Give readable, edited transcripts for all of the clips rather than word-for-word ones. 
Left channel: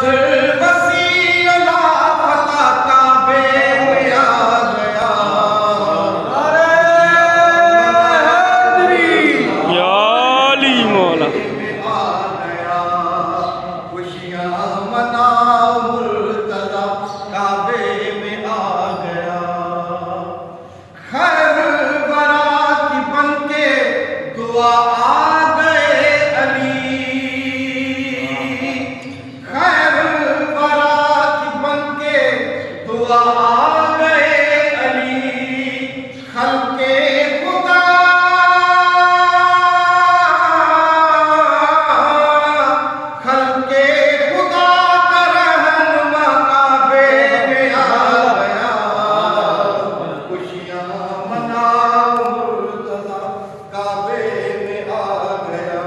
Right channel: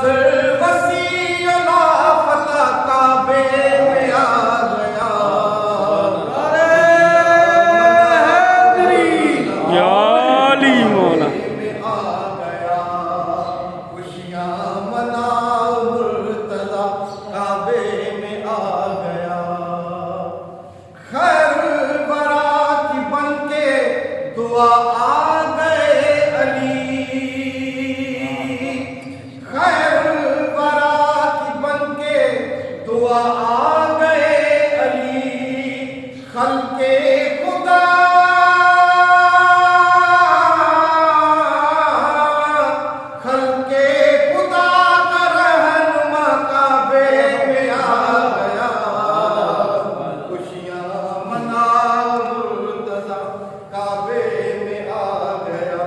وسیع لافتہ کعبے میں آ گیا، یا علی مولا میں آ گیا، خوشیاں منا مرتضی کعبے میں آ گیا، خیر الورا کی بن کے دعا آ گئے علی، خیر الورا کی بن کے دعا آ گئے علی، خلق خدا خلق خدا کا رہنما کعبے میں آ گیا، خوشیاں منا مرتضی کعبے میں آ گیا،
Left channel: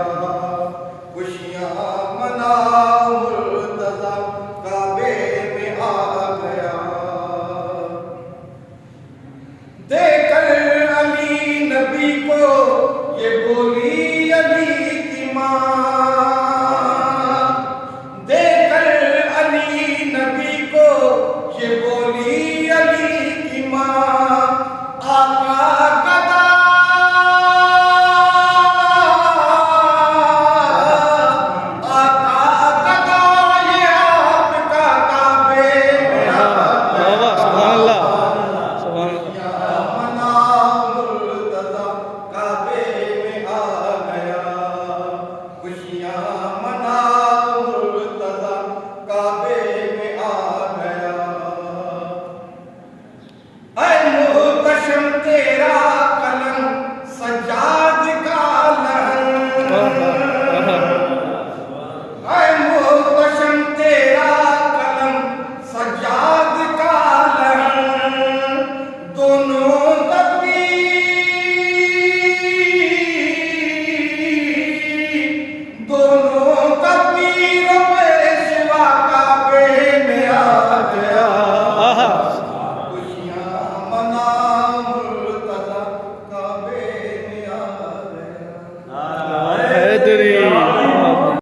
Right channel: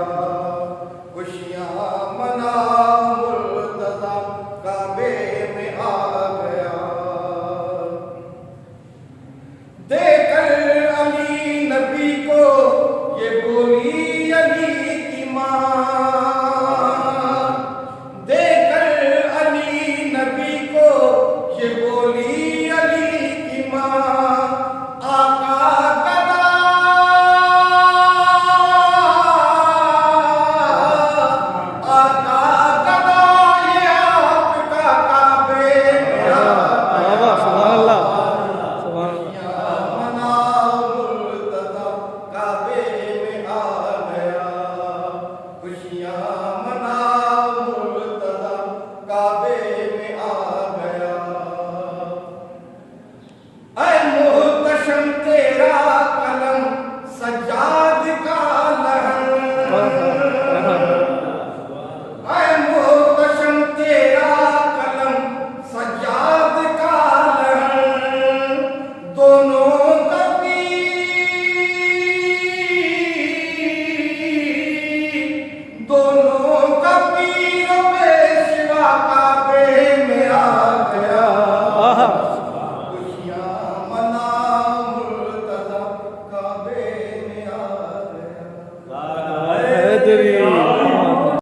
خوشیاں منا مرتضی کعبے میں آ گیا، دیکھ کر علی نبی کو یہ بولی علی کی ماں، دیکھ کر علی نبی کو یہ بولی علی کی ماں، آقا گدا آقا گدا یہ آپ کا کعبے میں آ گیا، سبحان اللہ سبحان اللہ منا مرتضی کعبے میں آ گیا، خوشیاں منا مرتضی کعبے میں آ گیا، اے محتشم تیرا قلم سجاد کا لہن، اے محتشم تیرا قلم سجاد کا لہن، دونوں کبھی